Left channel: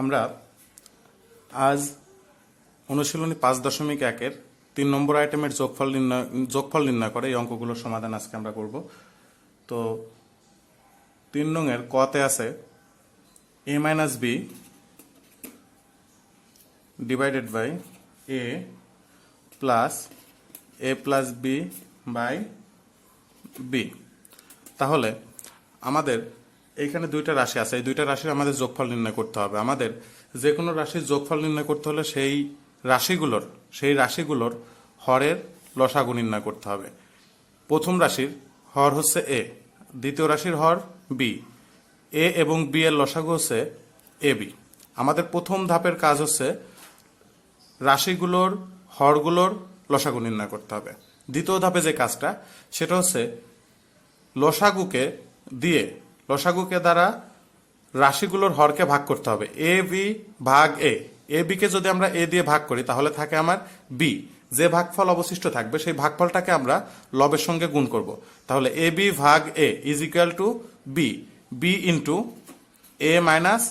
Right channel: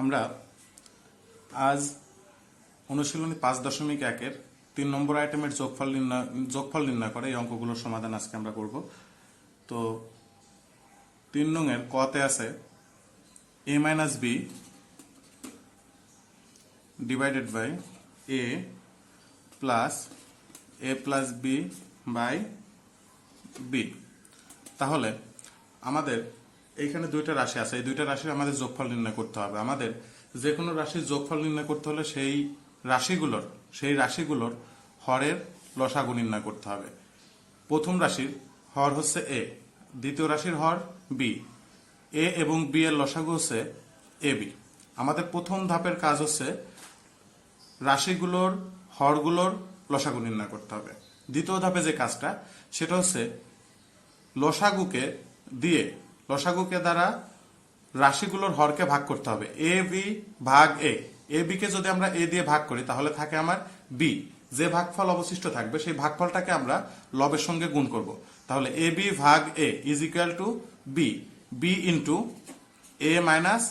আমরা আজ অনুশীলনী 5.1-এর 3 নম্বর আইটেমের যোগফল নির্ণয় করে এই অঙ্কগুলোর সমাধান আজকে আমরা করব। তো 3 নং-এর কতে আছে a - b divided by a plus a plus b by b। তাহলে আমাদের এইখানে দুইটা রাশি আছে, এই দুইটা রাশির আমাদের যোগফল নির্ণয় করতে হবে। আমাদের যে কোনো রাশির যোগফল নির্ণয় করতে হলে সেই রাশিগুলোর হরের লসাগু নির্ণয় করতে হবে। প্রথম রাশির হর হচ্ছে এ, দ্বিতীয় রাশির হর বি। এ এবং বি এর লসাগু হচ্ছে এ বি। আমাদের প্রথম ধাপের কাজ হচ্ছে রাশিগুলোর হরগুলোর লসাগু নির্ণয় করতে হবে। দ্বিতীয় ধাপে যে কাজটা সেটা হচ্ছে লসাগুকে দ্বারা রাশিগুলোর হরকে ভাগ করতে হবে। এ বি ভাগ এ বি কে যদি আমরা এ দিয়ে ভাগ করি তাহলে থাকে আমার বি। যে ভাগফল অবশিষ্ট থাকবে সেই ভাগফলটাকে আমরা লবের সঙ্গে গুণ করব। তাহলে এ বি ভাগ a is equal to b, b into a minus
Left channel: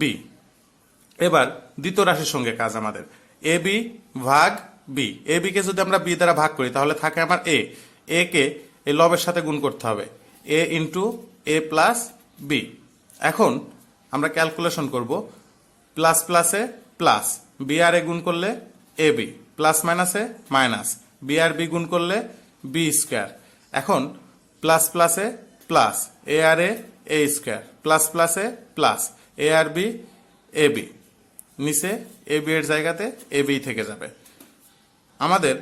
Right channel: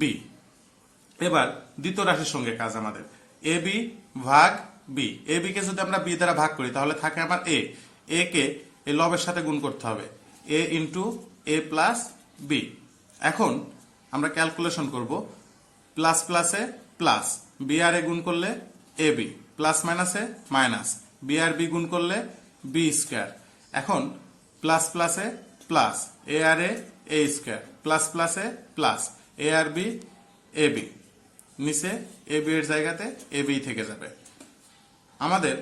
b. এবার দ্বিতীয় রাশির সঙ্গে কাজ আমাদের এ বি ভাগ বি। এ বি কে যদি আমরা বি দ্বারা ভাগ করি তাহলে থাকে আমার এ কে এই লবের সাথে গুণ করতে হবে, এ ইন্টু এ প্লাস বি। এখন আমরা ক্যালকুলেশন করব, প্লাস প্লাসে প্লাস, বি আর এ গুণ করলে এ বি, প্লাস মাইনাসে মাইনাস, বি আর বি গুণ করলে বি স্কোয়ার। এখন প্লাস প্লাসে প্লাস, এ আর এ স্কোয়ার, প্লাস প্লাসে plus, A R B a B, নিচে এ বি এর জায়গাতে এ বি থেকে যাবে। আমাদের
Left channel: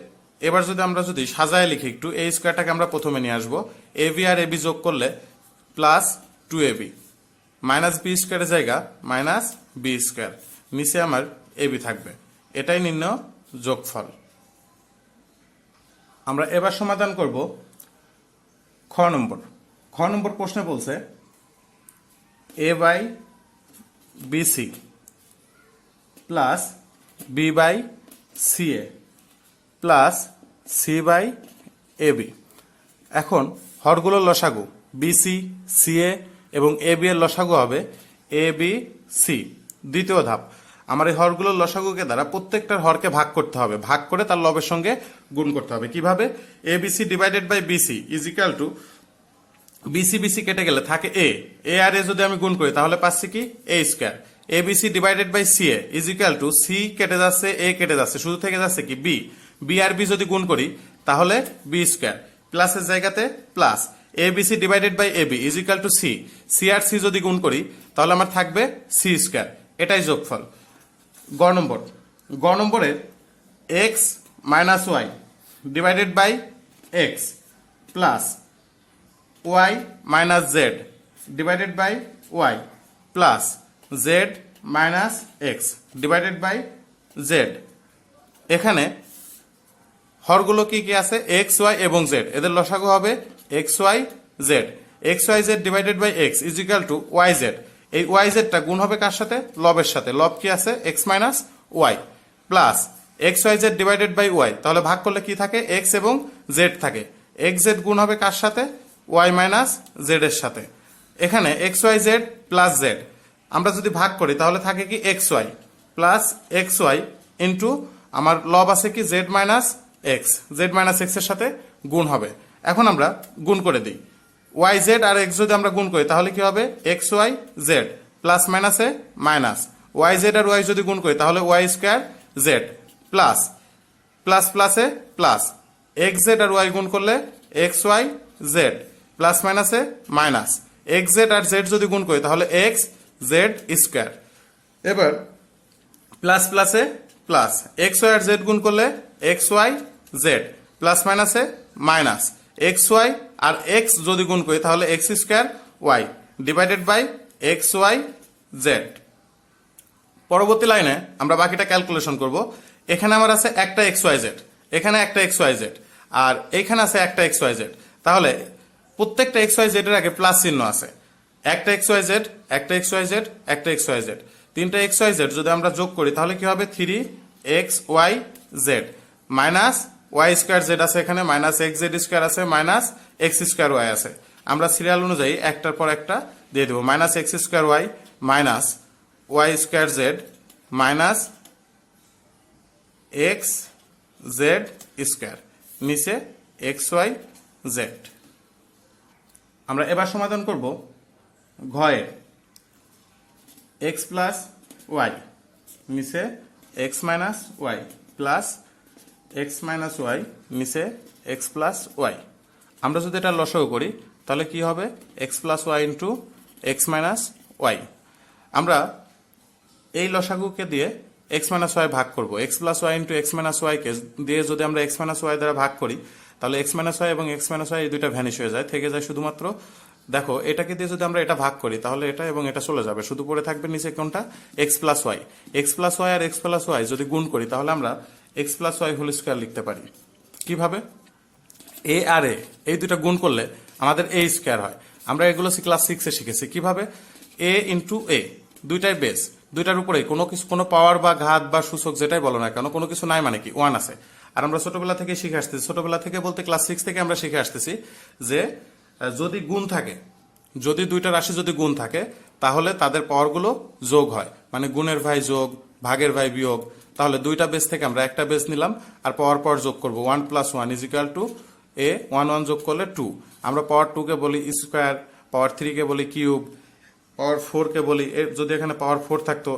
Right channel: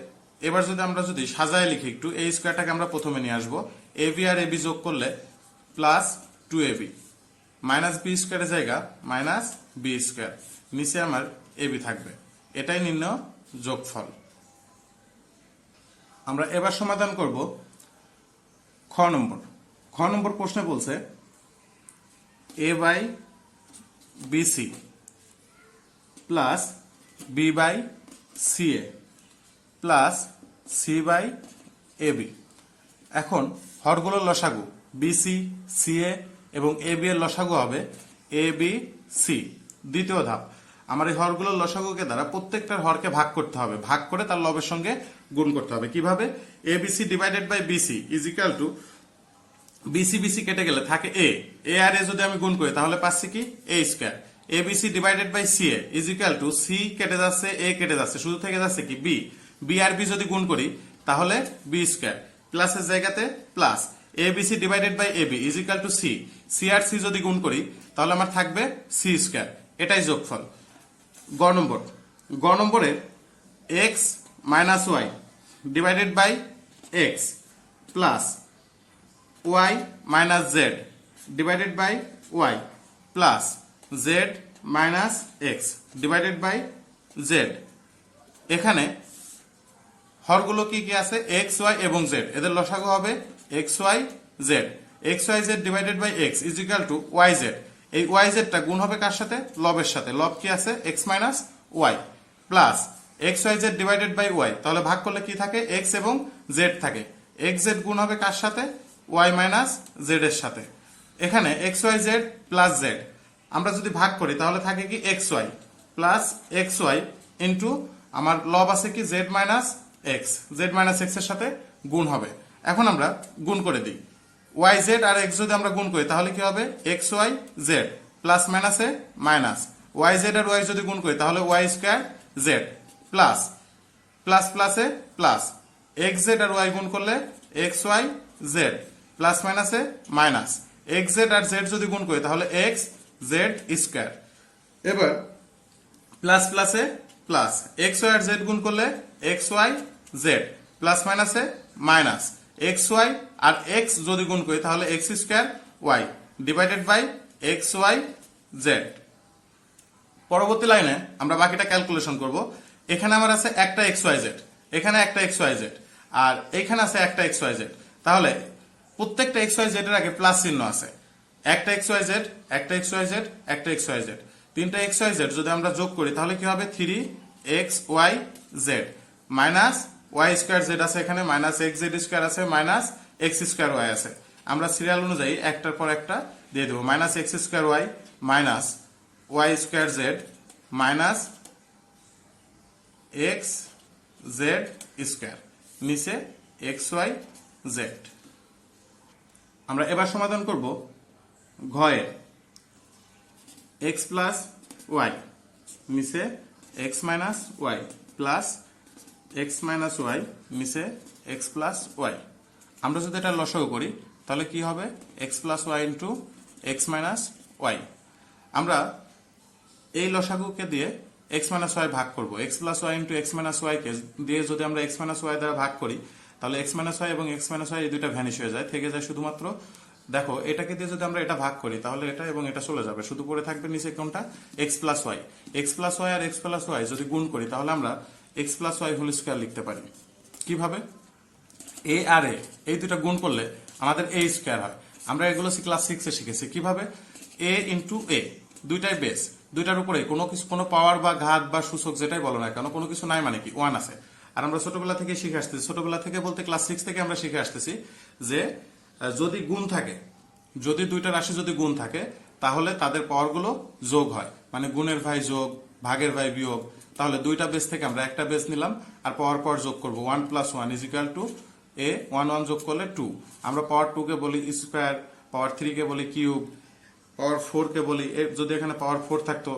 এবার আমরা যদি সাজায় লিখি একটু, এই স্কোয়ারটাকে আমরা প্রথমে নিয়ে আসবো। A B R A B যোগ করলে প্লাস 2ab, মাইনাস বি স্কোয়ারের জায়গা মাইনাস বি স্কোয়ার, নিচে আমার এ বি থাকবে। এটাই নির্ণয় যোগফল। আমরা এবার সমাধান করব খ নম্বর প্রশ্নে বলছে a by b c plus b by c a plus c by A b. এখন হরগুলোর লসাগু বিসি, সিএ এবং এ বি এর লসাগু হবে এ বি সি। দ্বিতীয় ধাপ, আমার এই হরগুলোর লসাগুকে দ্বারা প্রত্যেকটার হরকে ভাগ করতে হবে, ভাগ করে তার লবের সঙ্গে গুণ করতে হবে। কিভাবে? A B C divided by bc is equal to, bc bc কেটে গেলে থাকে এ আর এ যদি আমি গুণ করি তাহলে পাচ্ছি কি a square. A B C divided by c a is equal to, c কেটে যাচ্ছে, এ কেটে যাচ্ছে, শুধু থেকে যাচ্ছে কি বি। বি আর বি যদি গুণ করি তাহলে বি স্কোয়ার, প্লাসের জায়গাতে plus, A B C divided by A B is equal to C. C আর সি যদি গুণ করি তাহলে আমার থাকবে সি স্কোয়ার। এটাই যোগফল। গ নম্বরে X minus Y divided by x plus Y minus Z divided by Y plus Z minus X divided by Z. এখানে হরগুলো কি কি আছে? এক্স ওয়াই এবং জেড, এদের লসাগু হবে X Y Z. X Y Z divided by X is equal to Y Z. এই ওয়াই জেডটা গুণ হবে কার সাথে? লবের সাথে। লব কি আছে? X minus Y plus X Y Z divided by Y. তাহলে ভাগ করলে কি থাকে? এক্স এবং জেড থাকে। এক্স জেড গুণ হবে কার সাথে? ওয়াই মাইনাস জেড এর সাথে। এখানে X Y Z plus Z আমরা যদি ভাগ করি তাহলে থাকে কি X Y plus X Y into আমার লব আছে কি Z minus X, Z minus X এর সাথে গুণ হবে। এখন আমরা গুণ করে দিই, ওয়াই জেড আর এক্স যদি আমরা গুণ করি তাহলে কি হবে? এক্স ওয়াই জেড প্লাস মাইনাসে মাইনাস, ওয়াই জেড আর ওয়াই যদি গুণ করি তাহলে Y square Z plus plus প্লাসে প্লাস, এক্স জেড আর ওয়াই গুণ করলে এক্স ওয়াই জেড প্লাস মাইনাসে মাইনাস, এক্স জেড আর জেড যদি গুণ করি তাহলে এক্স জেড স্কোয়ার। এবার প্লাস প্লাসে প্লাস, এক্স ওয়াই আর জেড গুণ করলে এক্স ওয়াই জেড প্লাস মাইনাসে মাইনাস, এক্স ওয়াই আর এক্স যদি গুণ করি তাহলে x square Y divided by X Y Z. পরবর্তী লাইনে আমরা বাকিটা ক্যালকুলেশন করব। এখানে আমার আছে একটা এক্স ওয়াই জেড, এখানে একটা এক্স ওয়াই জেড, আর এখানে আছে একটা এক্স ওয়াই জেড। তাহলে প্রত্যেকটা এক্স ওয়াই জেড এর আগে প্লাস চিহ্ন আছে। একটা এক্স ওয়াই জেড, একটা এক্স ওয়াই জেড, একটা এক্স ওয়াই জেড, তিনটা এক্স ওয়াই জেড যদি আমরা যোগ করি তাহলে কি হবে? 3 X Y Z minus Y square Z আছে, এখানে মাইনাস এক্স জেড স্কোয়ার আছে, মাইনাস এক্স স্কোয়ার ওয়াই আছে। আমরা সিরিয়াল অনুযায়ী একটার পর একটা দিয়ে দেবো। Minus X square Y minus Y square Z minus X Z square, নিচে এক্স ওয়াই জেড। আমরা এবার সমাধান করব ঘয়ে এক্স প্লাস ওয়াই, নিচে x minus Y plus x minus y, নিচে এক্স প্লাস ওয়াই। আমরা যদি এটা লসাগু করি তাহলে কি হবে? X plus y into x minus y. আমরা এই লসাগুকে দিয়ে এক্স মাইনাস ওয়াই ভাগ করবো। X plus y into x minus y কে দিয়ে যদি আমরা এক্স মাইনাস ওয়াই দ্বারা ভাগ করি তাহলে এক্স মাইনাস ওয়াই এবং এক্স মাইনাস ওয়াই এই দুইটা ভ্যানিশ হয়ে যায়, থেকে যায় শুধুমাত্র দেখো এটাকে দিয়ে যদি আমরা এটা ভাগ করি তাহলে এটা এবং এটা চলে যাবে, শুধু পড়ে থাকবে নিচে কোনটা? X plus y. X plus y আর এক্স প্লাস ওয়াই যদি গুণ করি তাহলে আমরা x plus y whole square লিখতে পারি। কিভাবে? এ আর এ এই দুইটা গুণ করলে আমাদের এ স্কোয়ার হয়। আমরা এগুলো ক্লাস 6-এ শিখেছি। কিভাবে? এ ইন্টু এ, দুইটাই বেস, দুইটার উপরে কোনো কিছু, কোনো পাওয়ার বা ঘাত বা সূচক যেটাই বলো না কেন, কোনো কিছু নাই মানে কি? ওয়ান আছে। আর আমরা ছোটবেলা থেকে শিখে আসতেছি, ছোটবেলা থেকে বলতে ক্লাস 6 থেকে আমরা শিখে আসতেছি যে যদি গুণ থাকে, যদি দুইটা রাশি যদি গুণ থাকে তাহলে তাদের পাওয়ারগুলো যোগ হয়, মানে গুণের ভাই যোগ, ভাগের ভাই বিয়োগ। তাহলে দুইটা বেস থেকে আমরা একটা বেস নিলাম আর পাওয়ার যোগ করবো। 1 + 1 = টু, এ 1 যোগ করলে 2। আমরা পাওয়ার 2 কে বলি স্কোয়ার, পাওয়ার 3 কে বলি কিউব, পাওয়ার 4 কে বলি, যদি এখানে পাওয়ার 4 থাকতো,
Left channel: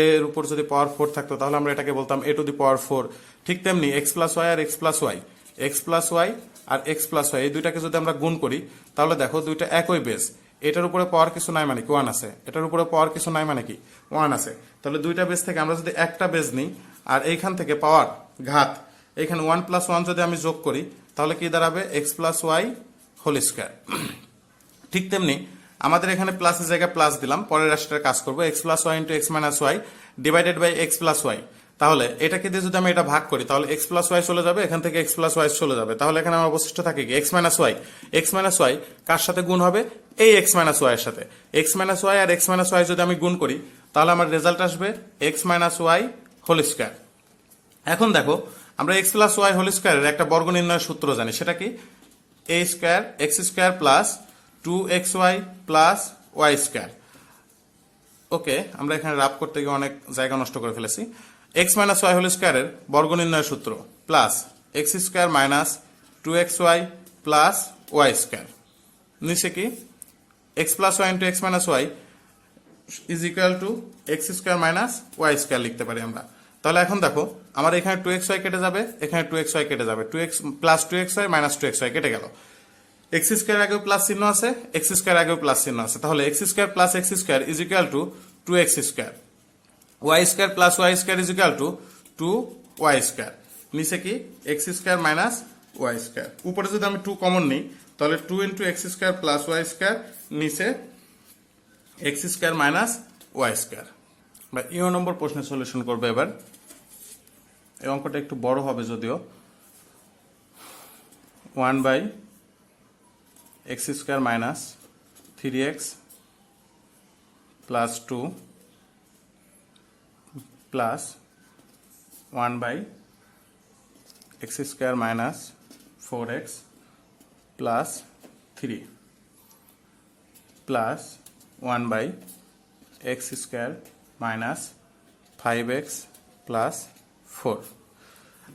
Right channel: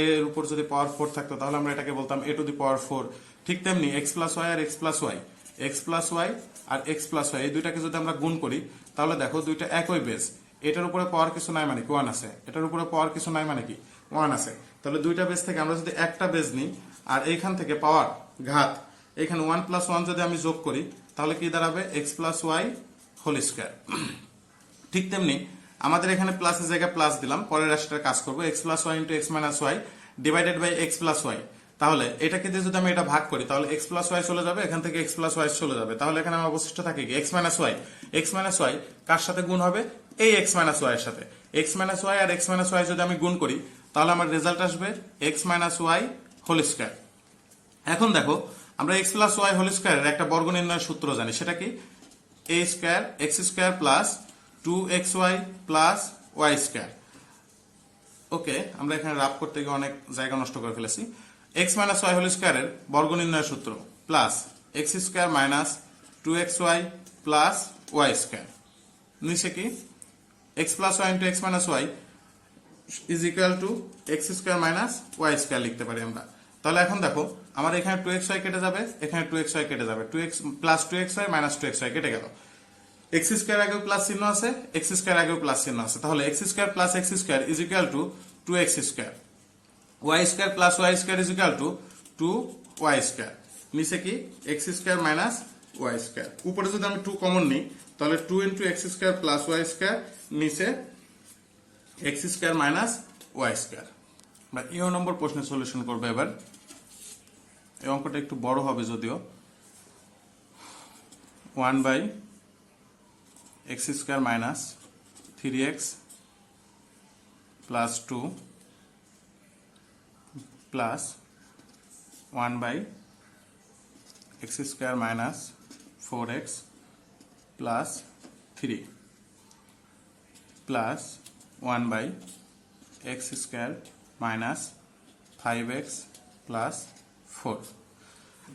এর উপর যদি পাওয়ার 4 থাকতো তাহলে আমরা এটাকে বলতাম a টু দি পাওয়ার 4। ঠিক তেমনি এক্স প্লাস ওয়াই আর x plus y, x plus y আর এক্স প্লাস ওয়াই এই দুইটাকে যদি আমরা গুণ করি তাহলে দেখো দুইটা একই বেস, এটার উপরে পাওয়ার কিছু নাই মানে কি 1 আছে, এটার উপরে পাওয়ার কিছু নাই মানে কি 1 আছে। তাহলে দুইটা বেস থেকে আমরা যদি একটা বেস নিই আর এইখান থেকে পাওয়ার ঘাত, এখানে 1 + 1 যদি আমি যোগ করি তাহলে কি দাঁড়াবে? X plus y whole square. ঠিক তেমনি আমাদের এখানে প্লাসের জায়গায় প্লাস দিলাম, পরের রাশিটার কাজ করবো। X plus y into x minus Y divided by x plus y. তাহলে এটাকে দিয়ে যদি আমি এটা ভাগ করি তাহলে এক্স প্লাস ওয়াই চলে যাবে, এখান থেকে এক্স প্লাস ওয়াই চলে যাবে। তাহলে এখানে আমার অবশিষ্ট থাকে কি? X minus y. X minus y কার সাথে গুণ হবে? এই এক্স মাইনাস ওয়াই এর সাথে। এক্স মাইনাস ওয়াই আর এক্স মাইনাস ওয়াই যদি আমি গুণ করি তাহলে আমার রেজাল্ট আসবে x minus y whole square. এখন দেখো আমরা এক্স প্লাস ওয়াই হোল স্কোয়ারের একটা বর্গ নির্ণয়ের সূত্র জানি, সেটা কি? A square x square plus 2xy plus y square. Okay, আমরা এখানে রাব করতে গিয়ে অনেক জায়গা নষ্ট করে ফেলেছি। এক্স মাইনাস ওয়াই হোল স্কোয়ারের বর্গ নির্ণয়ের সূত্র plus x square minus 2xy plus y square, নিচে কি? X plus y into x minus y is equal to x square minus Y square লিখতে পারি আমরা। তাহলে এখন দেখো আমার এখানে 2xy কেটে যাবে, এখানে 2xy কেটে যাবে, 2x plus 2xy minus 2xy কেটে গেল। এক্স স্কোয়ার আগেও প্লাস চিহ্ন আছে, এক্স স্কোয়ার আগেও প্লাস চিহ্ন আছে, তাহলে x square plus x square is equal to 2x square, y square plus y square is equal to 2y square, নিচে কি? X square minus Y square. উপরে যদি আমি 2 কমন নিই তাহলে 2 into x square plus y square, নিচে x square minus Y square. বা ইও নম্বর প্রশ্নের সলিউশন করবে এবার। এই অঙ্কটা একটু বড় হবে যদিও। 1/x square minus 3x plus 2 plus 1/x square minus 4x plus 3 plus 1/x square minus 5x plus 4।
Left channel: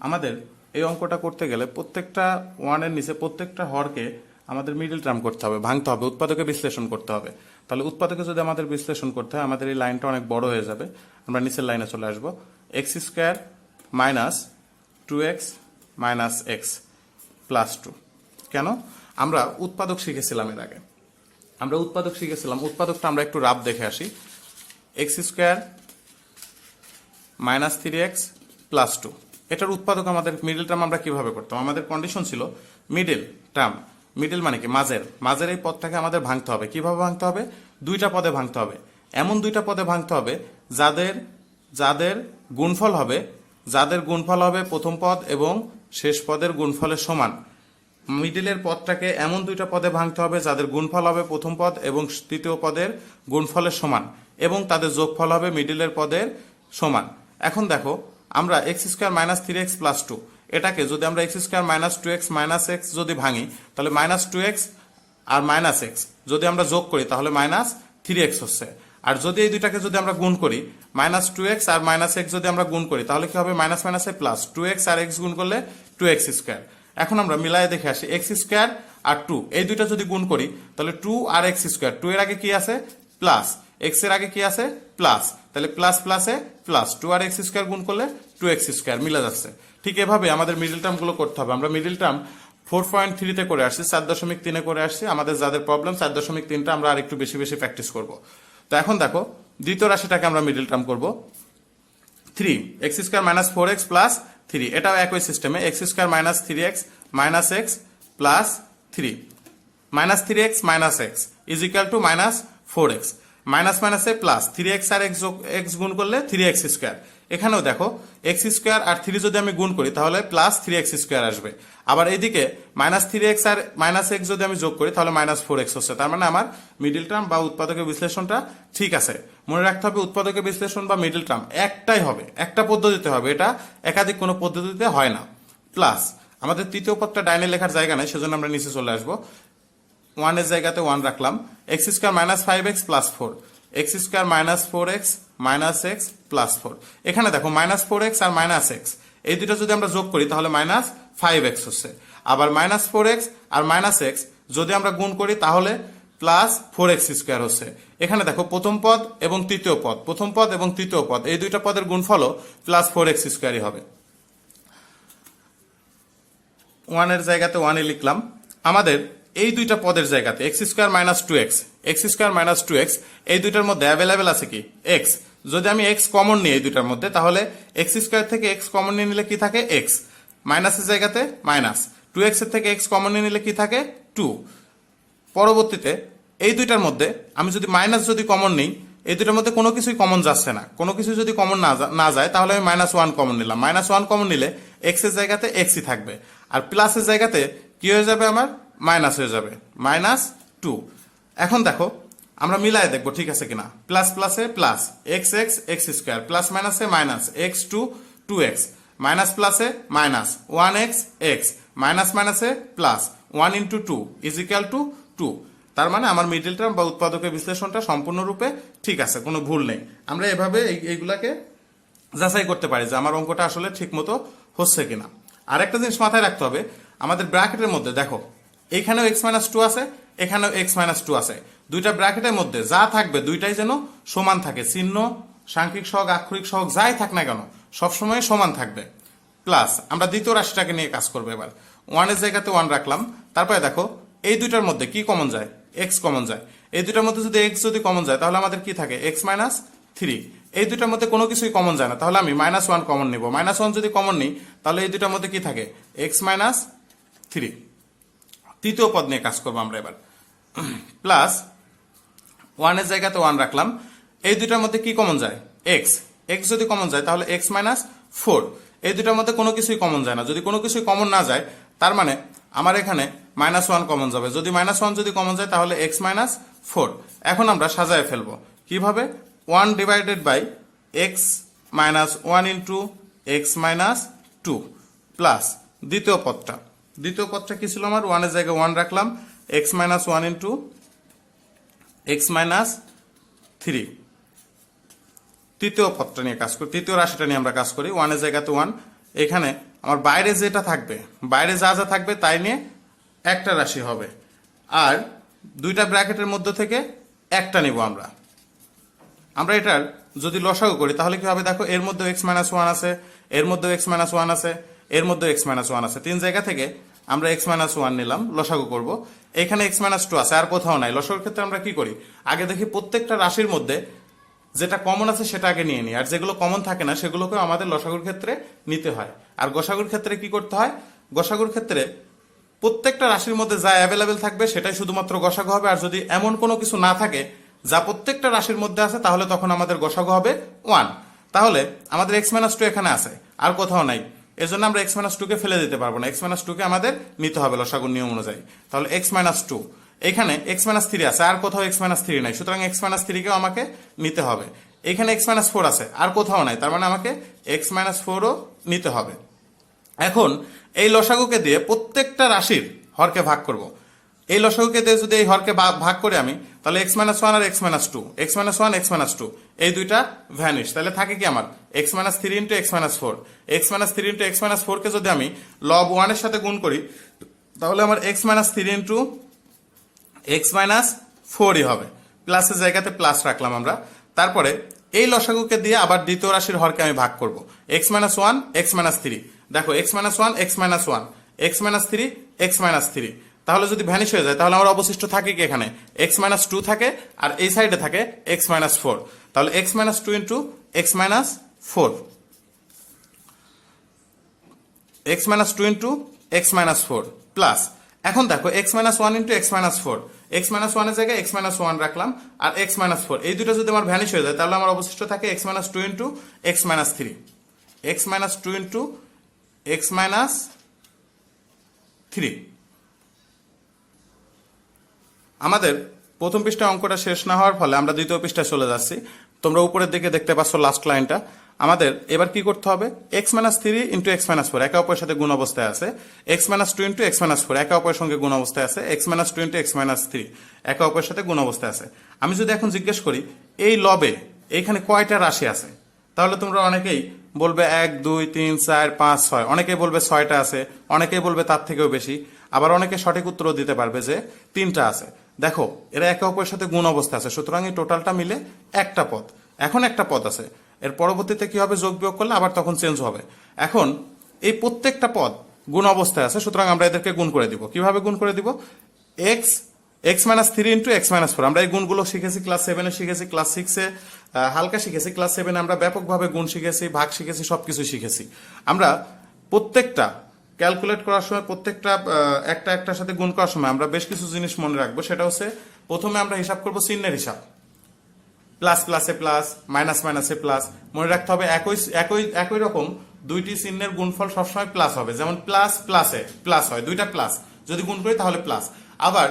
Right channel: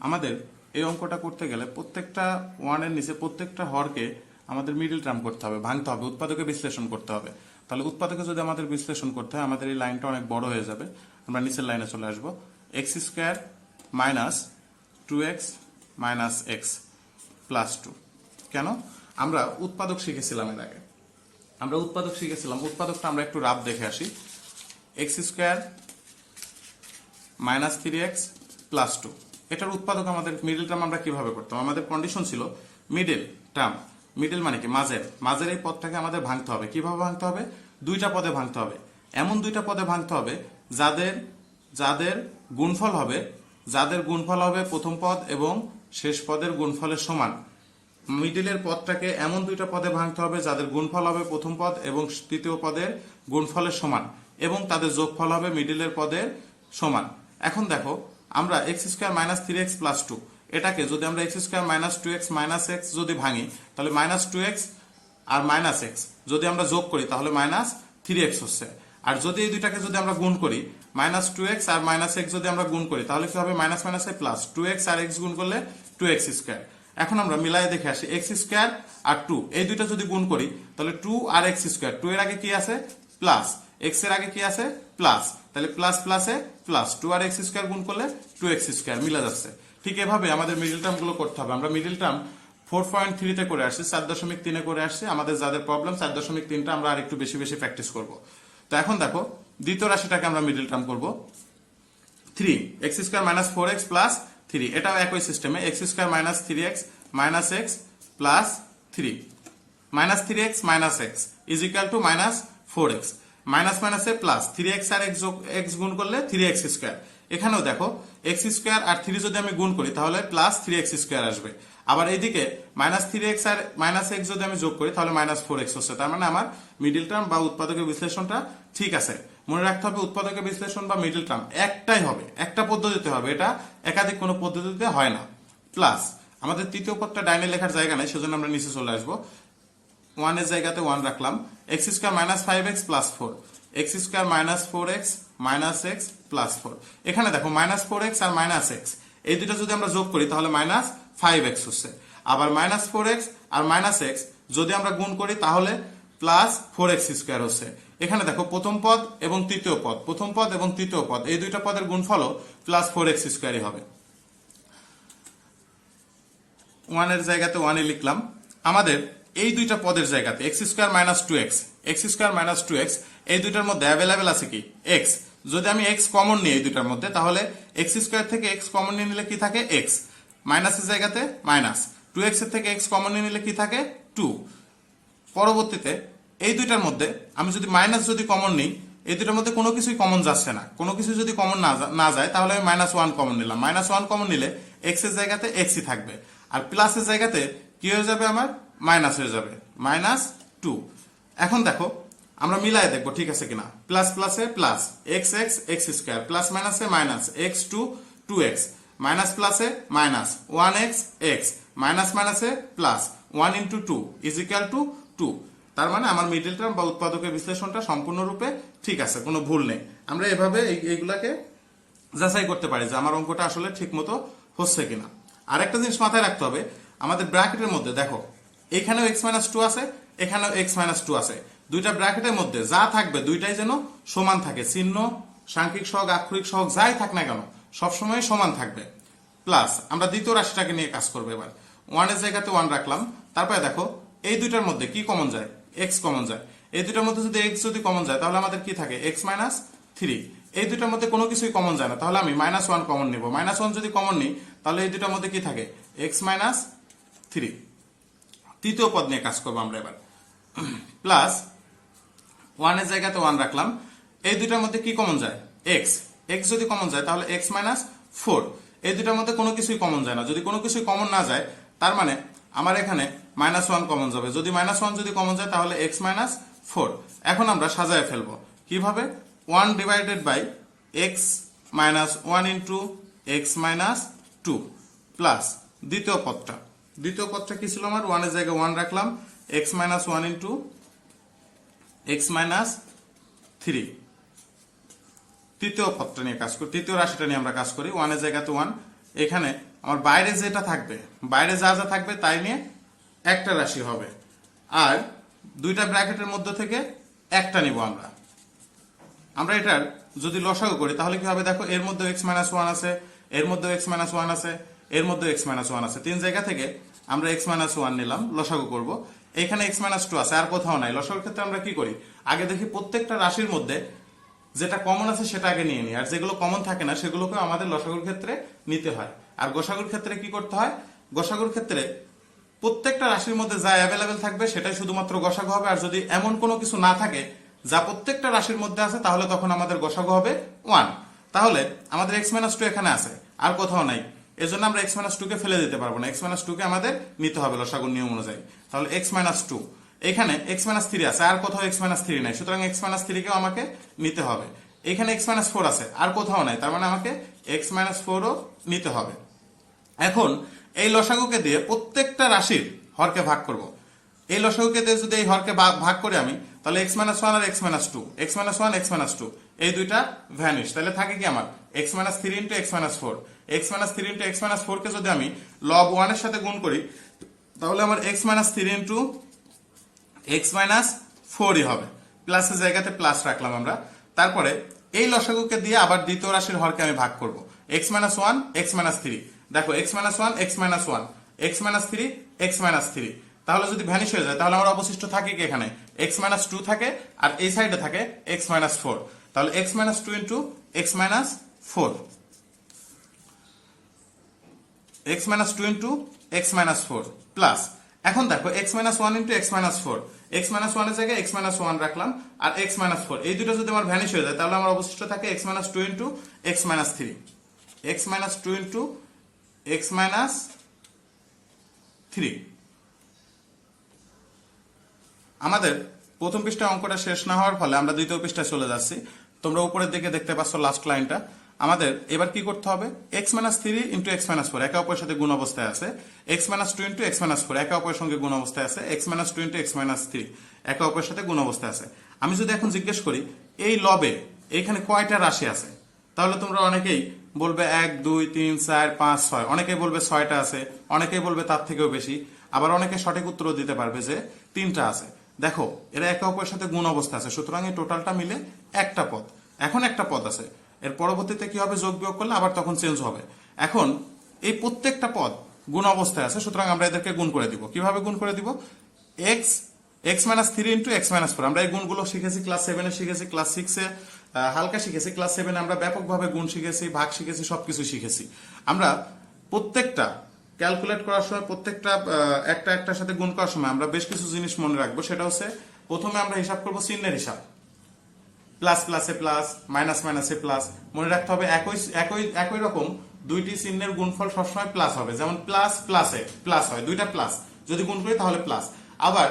আমাদের এই অঙ্কটা করতে গেলে প্রত্যেকটা ওয়ানের নিচে প্রত্যেকটা হরকে আমাদের মিডল টার্ম করতে হবে, ভাঙতে হবে, উৎপাদকে বিশ্লেষণ করতে হবে। তাহলে উৎপাদকে যদি আমাদের বিশ্লেষণ করতে হয় আমাদের এই লাইনটা অনেক বড় হয়ে যাবে। আমরা নিচের লাইনে চলে আসবো। X square minus 2x minus x plus 2। কেন? আমরা উৎপাদক শিখেছিলাম এর আগে, আমরা উৎপাদক শিখেছিলাম। উৎপাদকটা আমরা একটু রাব দেখে আসি। X square minus 3x plus 2, এটার উৎপাদক আমাদের মিডল টার্ম আমরা কিভাবে করতাম? আমাদের কন্ডিশন ছিল মিডল টার্ম, মিডল মানে কি? মাঝের এই পদটাকে আমাদের ভাঙতে হবে। কিভাবে ভাঙতে হবে? দুইটা পদে ভাঙতে হবে, এমন দুইটা পদে ভাঙতে হবে যাদের গুণফল হবে প্রথম পদ এবং শেষ পদের গুণফলের সমান। মিডলের পদটাকে এমন দুইটা পদে ভাঙতে হবে যাদের গুণফল হবে প্রথম পদ এবং তৃতীয় পদের গুণফলের সমান এবং তাদের যোগফল হবে মিডলের পদের সমান। এখন দেখো আমরা x square minus 3x plus 2 এটাকে যদি আমরা x square minus 2x minus x যদি ভাঙি তাহলে মাইনাস 2x আর মাইনাস এক্স যদি আমরা যোগ করি তাহলে মাইনাস 3x হচ্ছে। আর যদি এই দুইটাকে যদি আমরা গুণ করি মাইনাস 2x আর মাইনাস x যদি আমরা গুণ করি তাহলে কি হবে মাইনাস মাইনাসে প্লাস 2x আর x গুণ করলে 2x স্কয়ার। এখন আমরা মিলায়ে দেখে আসি x স্কয়ার আর 2 এই দুইটা যদি গুণ করি তাহলে 2 আর x স্কয়ার, 2 এর আগে কি আছে প্লাস, x এর আগে কি আছে প্লাস, তাহলে প্লাস প্লাসে প্লাস 2 আর x স্কয়ার গুণ করলে 2x স্কয়ার মিলে যাচ্ছে। ঠিক এভাবে আমাদের মিডল টার্ম গুলো করতে হবে। আমরা মিডল টার্ম 4.3 তে করে আসছি, 4.3 এ করে আসছি। আমাদের যাদের প্রবলেম 4.3টা আমরা আর একটু বেশি বেশি প্র্যাকটিস করব। তো এখন দেখো দ্বিতীয় রাশিটাকে আমরা মিডল টার্ম করব 3 x square minus 4x plus 3, এটাও একই সিস্টেমে x square minus 3x minus x plus 3 minus 3x minus x is equal two minus 4x, minus মাইনাসে প্লাস 3x আর x গুণ করলে 3x স্কয়ার। এখানেও দেখো x স্কয়ার আর 3 যদি আমি গুণ করি তাহলে প্লাস 3x স্কয়ার আসবে। আবার এইদিকে মাইনাস 3x আর মাইনাস x যদি আমি যোগ করি তাহলে মাইনাস 4x হচ্ছে। তার মানে আমার মিডল টার্ম বা উৎপাদকের বিশ্লেষণটা ঠিক আছে। মনে রাখতে হবে উৎপাদকের বিশ্লেষণ বা মিডল টার্ম একটাই হবে, একটা পদ্ধতিতে হবে, এটা একাধিক কোনো পদ্ধতিতে হয় না। প্লাস আমাদের তৃতীয় পদটা ডাইনে লেখার জায়গা নেই, সেজন্য আমরা নিচে চলে আসবো। 1 এর জায়গাতে 1 রাখলাম, x square minus 5x plus 4, x square minus 4x minus x plus 4। এখানে দেখো মাইনাস 4x আর মাইনাস x এই দুটো যদি আমরা যোগ করি তাহলে মাইনাস 5x হচ্ছে। আবার মাইনাস 4x আর মাইনাস x যদি আমরা গুণ করি তাহলে প্লাস 4x স্কয়ার হচ্ছে। এখানে দেখো প্রথম পদ এবং তৃতীয় পদ, প্রথম পদ এবং তৃতীয় পদ এই দুইটা পদের গুণফলও প্লাস 4x স্কয়ারই হবে। 1 এর জায়গাতে 1 এ লিখলাম। আমাদের এই দুইটা পদের জায়গাতে x square minus 2x, x square minus 2x এই দুইটার মধ্যে অ্যাভেলেবেল আছে কি x। যদি আমি x কমন নিই এই দুইটার মধ্যে তাহলে x স্কয়ার থেকে x কমন নিয়ে নিলে কি থাকে x, মাইনাসের জায়গাতে মাইনাস, 2x এর থেকে x কমন নিয়ে নিলে কি থাকে 2। পরবর্তীতে এই দুইটার মধ্যে আমি যদি মাইনাস যদি কমন নিই এই দুইটার মধ্যে কোনো কিছুই কমন যাচ্ছে না, কোনো কিছু যদি কমন না যায় তাহলে আমি মাইনাস 1 কমন নিলাম, মাইনাস 1 কমন নিলে x এর জায়গাতে xই থাকবে আর প্লাসের জায়গাতে কি হয়ে যাবে আমার মাইনাস হয়ে যাবে মাইনাস 2। এখন দেখো আমরা মিলায় দেখবো ঠিক আছে কিনা, প্লাস প্লাসে plus x x x square plus মাইনাসে মাইনাস x 2 2x মাইনাস প্লাসে মাইনাস 1x x মাইনাস মাইনাসে plus 1 into 2 is equal two 2। তার মানে আমার মিডল টার্ম বা উৎপাদকের বিশ্লেষণটা সম্পূর্ণরূপে ঠিক আছে, কোনো ভুল নেই। আমরা এভাবে এইগুলাকে যাচাই করতে পারি যে আমার অঙ্কটা আসলে ঠিক মতো হচ্ছে কিনা। আর একটা জিনিস মাথায় রাখতে হবে, আমাদের ব্র্যাকেটের মধ্যে দেখো এখানেও x মাইনাস 2 আছে, এখানেও x মাইনাস 2 আছে। দুইটা ব্র্যাকেটের মধ্যে যা থাকবে দুইটাই যেন সমান থাকে, চিহ্ন সাংখ্যিক সহগ আক্ষরিক সহগ যাই থাক না কেন সবসময় সমান থাকবে। প্লাস আমরা দ্বিতীয় রাশিটাকে নিয়ে কাজ করবো। এবার 1 এর জায়গাতে 1 রাখলাম, তারপরে দেখো এই দুইটার মধ্যে কি কমন যায় x কমন যায়। এই দুইটার মধ্যে যদি x যদি কমন যায় তাহলে আমাদের কি থাকে x মাইনাস 3। এই দুইটার মধ্যে কোনো কিছুই কমন যায় না তাহলে আমি মাইনাস 1 কমন নিব, মাইনাস 1 যদি কমন নিই তাহলে এই দুইটার মধ্যে কি থাকে x মাইনাস 3। তৃতীয় পদ নিয়ে কাজ করবো আমরা এবার। প্লাস 1 এর জায়গাতে 1 রাখলাম, এই দুইটার মধ্যে কি কমন যায় x, x যদি কমন যায় তাহলে x মাইনাস 4। এই দুইটার মধ্যে কোনো কিছুই কমন যায় না, যদি কোনো কিছুই কমন না যায় তার মানে আমার এখানে মাইনাস 1 কমন যাবে, যদি মাইনাস 1 যদি কমন যায় তাহলে x মাইনাস 4। এখন আমরা সাজায় ফেলবো কিভাবে, 1 divided by x minus 1 into x minus 2 plus দ্বিতীয় পদটা কি ছিল আমার, 1 এর জায়গায় 1 রাখলাম, x minus 1 into x minus 3। তৃতীয় পদটা নিয়ে কাজ করি, তৃতীয় রাশিটা নিয়ে আমরা কাজ করি। 1 এর জায়গাতে 1, এখানে আমার বাইরে যেটা থাকবে বাইরে যা যা থাকবে তাই নিয়ে একটা রাশি হবে, আর দুইটা ব্র্যাকেটের মধ্যে থেকে একটা নিব আমরা এটার যদি লসাগু করি তাহলে কি হবে দেখো, এর মধ্যে x মাইনাস 1 আছে, এর মধ্যে x মাইনাস 1 আছে, এর মধ্যে x মাইনাস 1 আছে, তিন জায়গা থেকে আমরা x মাইনাস 1 নিলাম, লসাগু করব। এখানে x মাইনাস 2 আছে, আর কোথাও নাই। লসাগুর ক্ষেত্রে আমরা কি করি, আগে দেখি প্রত্যেকটা রাশির মধ্যে যেটা কমন আছে সেটা আগে নিয়ে নিই, আর যেগুলো কমন থাকে না সেগুলোকে আমাদের লসাগুর ক্ষেত্রে নিতে হয়। আর গোসাগুর ক্ষেত্রে কি করতে হয়, গোসাগুর ক্ষেত্রে প্রত্যেকটা রাশির মধ্যে যা অ্যাভেলেবেল থাকবে সেটাই শুধুমাত্র গোসাগু হবে, আর যদি এমন কোনো কিছু না থাকে যা প্রত্যেকটা রাশির মধ্যে আছে তাহলে তখন আমাদের গোসাগু হবে 1। তাহলে আমাদের x মাইনাস 2 এখানে আছে, আর কোথাও নাই, এজন্য আমরা x মাইনাস 2 কে ফেলে দিতে পারবো না, x মাইনাস 2 কে আমাদের নিতে হবে লসাগুর নিয়ম অনুযায়ী। তাহলে x মাইনাস 2, এখানে x মাইনাস 3 আছে, আর কোথাও x মাইনাস 3 নাই, সুতরাং x মাইনাস 3 কেও আমাকে নিতে হবে। এখানে x মাইনাস 4 আছে, আর কোথাও নাই, তার মানে আমাকে x মাইনাস 4ও নিতে হবে। এখন এই লসাগুকে দিয়ে প্রত্যেকটা রাশির হরকে ভাগ করব। এই লসাগুকে দিয়ে যদি এই হরকে ভাগ করে আমি তাহলে এক্স মাইনাস ওয়ান আর x minus two, x minus one x minus two, এই দুইটা ভ্যানিশ। তাহলে থাকে কি আমার x minus three into x minus four. X minus three into x minus four কে যদি আমি লব ওয়ানের সাথে গুণ করি তাহলে আমার x minus three into x minus ফোরই হবে। প্লাসের জায়গাতে প্লাস রাখলাম আমরা। তারপরে এই লসাগুকে দিয়ে আবার দ্বিতীয় রাশির হরকে আমি ভাগ করব। X minus one x minus three, দেখো x minus one x minus one, x minus three x minus three. তাহলে যদি ভ্যানিশ হয়ে যায় তাহলে আমার অবশিষ্ট থাকে কি এখানে এক্স মাইনাস টু থাকে, আর এই সাইডে থাকে এক্স মাইনাস ফোর। তাহলে x minus two into x minus four, x minus two into x minus four plus, এখন দেখো x minus one into x minus four, x minus ওয়ানের জায়গায় এক্স মাইনাস ওয়ান রাখলাম, আর এক্স মাইনাস ফোর, এই দুটো যদি আমার ভ্যানিশ হয়ে যায় তাহলে আমার অবশিষ্ট থাকে x minus two into x minus three, x minus two into x minus three. আমাদের প্রথম পৃষ্ঠা অঙ্কটা শেষ না হওয়ার ফলে আমরা দ্বিতীয় পৃষ্ঠায় চলে যাচ্ছি। তোমরা উপরের দিকে দেখতে পাচ্ছ লাস্ট লাইনটা। আমাদের এবার কি করতে হবে, x minus three into x minus four একে অপরের সাথে গুণ অবস্থায় আছে, x minus two into x minus four একে অপরের সঙ্গে গুণ অবস্থায় আছে, x minus two into x minus three একে অপরের সাথে গুণ অবস্থায় আছে। আমি যদি এখন জিজ্ঞেস করি এই লবে এখানে কয়টা রাশি আছে, তাহলে তোমরা অনেকেই বলবে এক দুই তিন চার পাঁচ ছয়, অনেকেই বলবে ছয়টা আছে, অনেকেই বলবে তার থেকেও বেশি, আবার অনেকে সঠিক উত্তর দিতে পারবে যে তিনটা আছে। দেখো এরা একে অপরের সাথে গুণ অবস্থা আছে, সুতরাং এই টোটালটা মিলে একটা পদ। এখন একটা পদ আছে, এর পরবর্তীতে কি হবে, যোগ বিয়োগ করলে আবার তখন চেঞ্জ হবে। এখন এই প্রত্যেকটা পদ গুণ অবস্থায় আছে, সুতরাং আমরা এদেরকে গুণ করে দিব। কিভাবে গুণ করে দিব, x x minus three into x minus four, আমরা এই গুণগুলো শিখেছি ক্লাস সেভেনে, শিখেছি ক্লাস সিক্সে হালকা শিখেছি, ক্লাস সেভেনে আমরা ব্যাপকভাবে গুণ শিখেছি, ভাগ শিখেছি, সবকিছু শিখেছি। আমরা প্রত্যেকটা ক্যালকুলেট করার সময়, প্রত্যেকটা একটা একটার সাথে গুণ করার সময় আমরা বেশ কিছু জিনিস মনে রাখবো। সেটা হচ্ছে প্রথমে আমরা হিসাব করবো চিহ্নের হিসাব, প্লাস প্লাসে প্লাস, মাইনাস মাইনাসে প্লাস। মনে রাখতে হবে একই রকম দুইটি চিহ্নের গুণফল সবসময় প্লাস হবে। যেমন প্লাস প্লাসে প্লাস হয়, দুইটা প্লাস যদি গুণ করি তাহলে প্লাস। আবার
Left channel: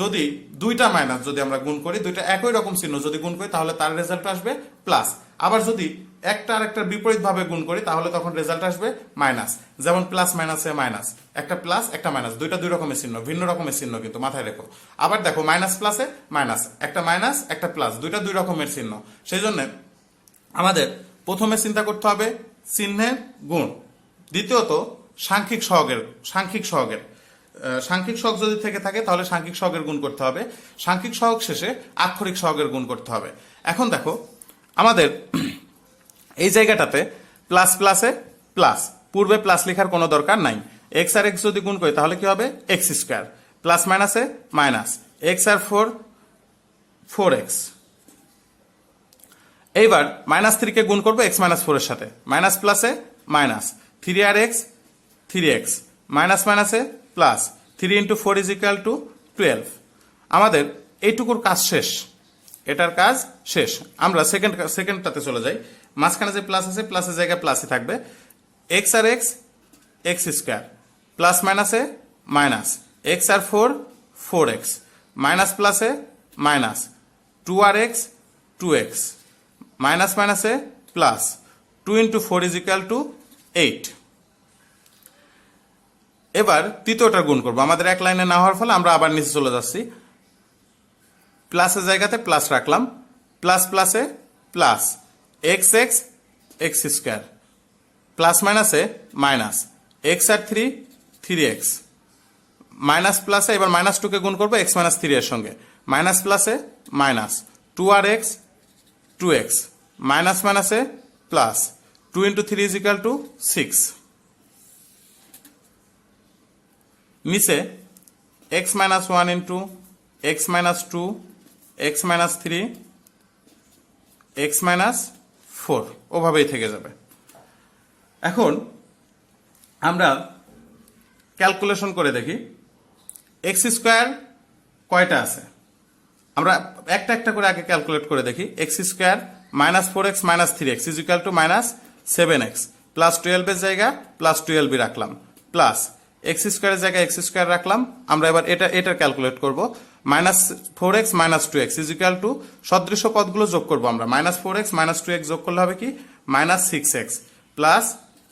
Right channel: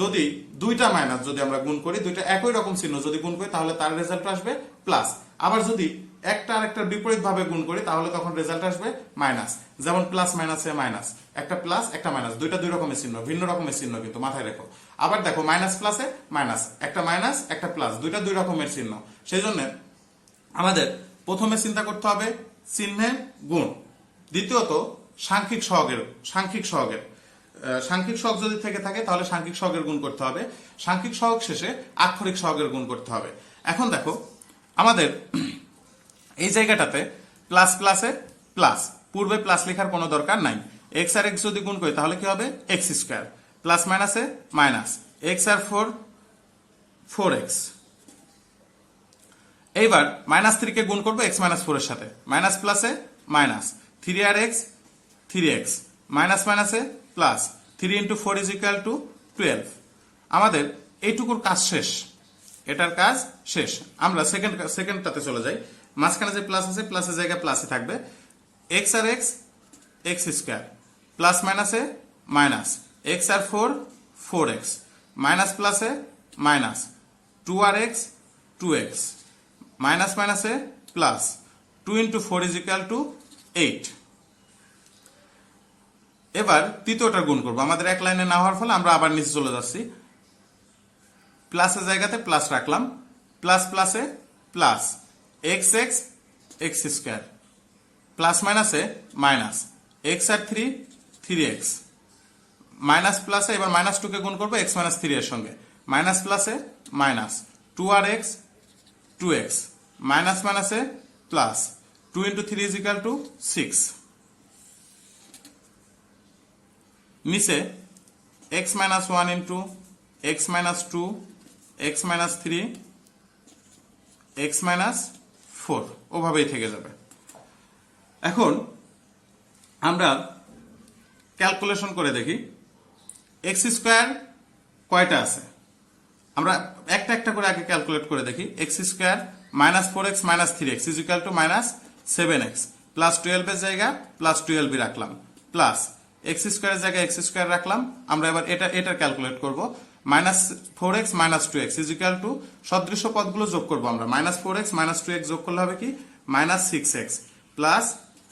যদি দুইটা মাইনাস যদি আমরা গুণ করি, দুইটা একই রকম চিহ্ন যদি গুণ করি তাহলে তার রেজাল্ট আসবে প্লাস। আবার যদি একটা আরেকটার বিপরীত ভাবে গুণ করি তাহলে তখন রেজাল্ট আসবে মাইনাস। যেমন প্লাস মাইনাসে মাইনাস, একটা প্লাস একটা মাইনাস, দুইটা দুই রকমের চিহ্ন, ভিন্ন রকমের চিহ্ন কিন্তু মাথায় রেখো। আবার দেখো মাইনাস প্লাসে মাইনাস, একটা মাইনাস একটা প্লাস, দুইটা দুই রকমের চিহ্ন। সেই জন্য আমাদের প্রথমে চিন্তা করতে হবে চিহ্নের গুণ, দ্বিতীয়ত সাংখ্যিক সহগের সাংখ্যিক সহগ যদি থেকে থাকে তাহলে সাংখ্যিক সহগের গুণ করতে হবে, সাংখ্যিক সহগ শেষে আক্ষরিক সহগের গুণ করতে হবে। এখন দেখো আমাদের এই জায়গাটাতে প্লাস প্লাসে প্লাস, পূর্বে প্লাস লেখার কোনো দরকার নাই। এক্স আর এক্স যদি গুণ করি তাহলে কি হবে এক্স স্কোয়ার, প্লাস মাইনাসে মাইনাস, এক্স আর ফোর ফোর এক্স। এইবার মাইনাস থ্রি কে গুণ করবো এক্স মাইনাস ফোর এর সাথে, মাইনাস প্লাসে মাইনাস, থ্রি আর এক্স থ্রি এক্স, মাইনাস মাইনাসে plus, three into four is equal two 12। আমাদের এইটুকুর কাজ শেষ, এটার কাজ শেষ। আমরা সেকেন্ডটাতে চলে যাই। মাঝখানে যে প্লাস আছে প্লাসের জায়গায় প্লাসই থাকবে, এক্স আর এক্স এক্স স্কোয়ার, প্লাস মাইনাসে মাইনাস, এক্স আর ফোর ফোর এক্স, মাইনাস প্লাসে মাইনাস, টু আর এক্স টু এক্স, মাইনাস মাইনাসে plus, two into four is equal to 8। এবার তৃতীয়টা গুণ করবো, আমাদের এক লাইনে না হওয়ার ফলে আমরা আবার নিচে চলে যাচ্ছি। প্লাসের জায়গাতে প্লাস রাখলাম, প্লাস প্লাসে plus, x x x square, plus মাইনাসে মাইনাস, এক্স আর থ্রি থ্রি এক্স, মাইনাস প্লাসে এবার মাইনাস টু কে গুণ করবো এক্স মাইনাস থ্রি এর সঙ্গে, মাইনাস প্লাসে মাইনাস, টু আর এক্স টু এক্স, মাইনাস মাইনাসে plus, two into three is equal to 6। নিচে x minus one into x minus two x minus three x minus four, ওভাবেই থেকে যাবে। এখন আমরা ক্যালকুলেশন করে দেখি এক্স স্কোয়ার কয়টা আছে। আমরা একটা একটা করে আগে ক্যালকুলেট করে দেখি। X square minus four x minus three x is equal two minus 7x, plus 12 এর জায়গা প্লাস 12 রাখলাম, প্লাস এক্স স্কোয়ারের জায়গায় এক্স স্কোয়ার রাখলাম। আমরা এবার এটা ক্যালকুলেট করব, minus 4x minus 2x is equal to, সদৃশ্য পদগুলো যোগ করবো আমরা, মাইনাস 4x মাইনাস 2x যোগ করলে হবে কি মাইনাস 6x প্লাস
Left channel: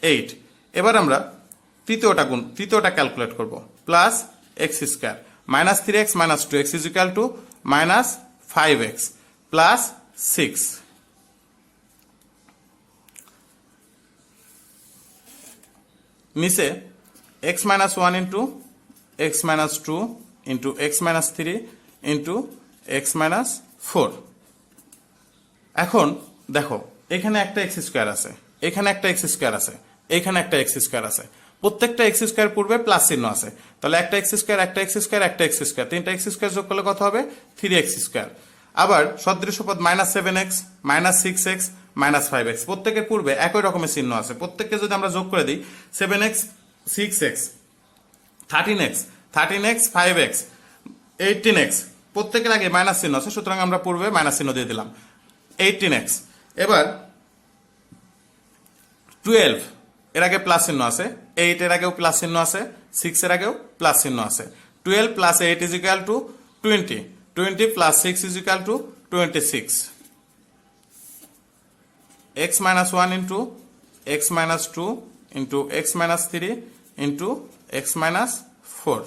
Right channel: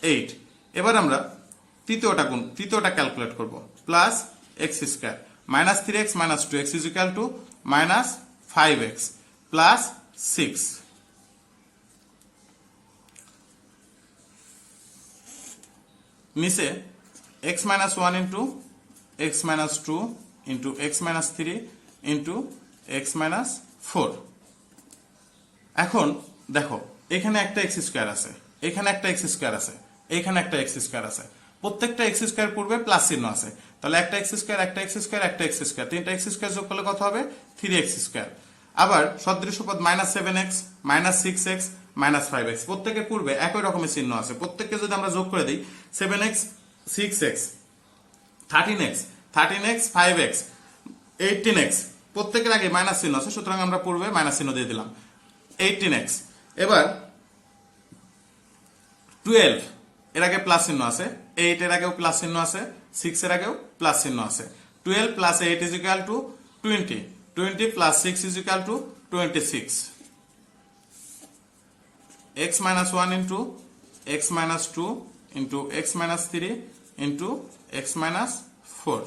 8। এবার আমরা তৃতীয়টা ক্যালকুলেট করব, plus x square minus 3x minus 2x is equal two minus 5x plus 6 নিচে x minus 1 into x minus 2 into x minus 3 into x minus 4 এখন দেখো এখানে একটা x স্কয়ার আছে, এখানে একটা x স্কয়ার আছে, এখানে একটা x স্কয়ার আছে, প্রত্যেকটা x স্কয়ার পূর্বে প্লাস চিহ্ন আছে, তাহলে একটা x স্কয়ার, একটা x স্কয়ার, একটা x স্কয়ার, তিনটা x স্কয়ার যোগ করলে কত হবে 3x স্কয়ার। আবার সদৃশ্য পদ -7x -6x -5x প্রত্যেকের পূর্বে একই রকমের চিহ্ন আছে, প্রত্যেককে যদি আমরা যোগ করে দিই 7x 6x 13x 5x 18x প্রত্যেকের আগে মাইনাস চিহ্ন আছে, সুতরাং আমরা পূর্বে মাইনাস চিহ্ন দিয়ে দিলাম 18x। এবার 12 এর আগে প্লাস চিহ্ন আছে, 8 এর আগেও প্লাস চিহ্ন আছে, 6 এর আগেও প্লাস চিহ্ন আছে। 12 plus 8 is equal two 20, 20 plus 6 is equal two 26। x minus 1 into x minus 2 into x minus 3 into x minus 4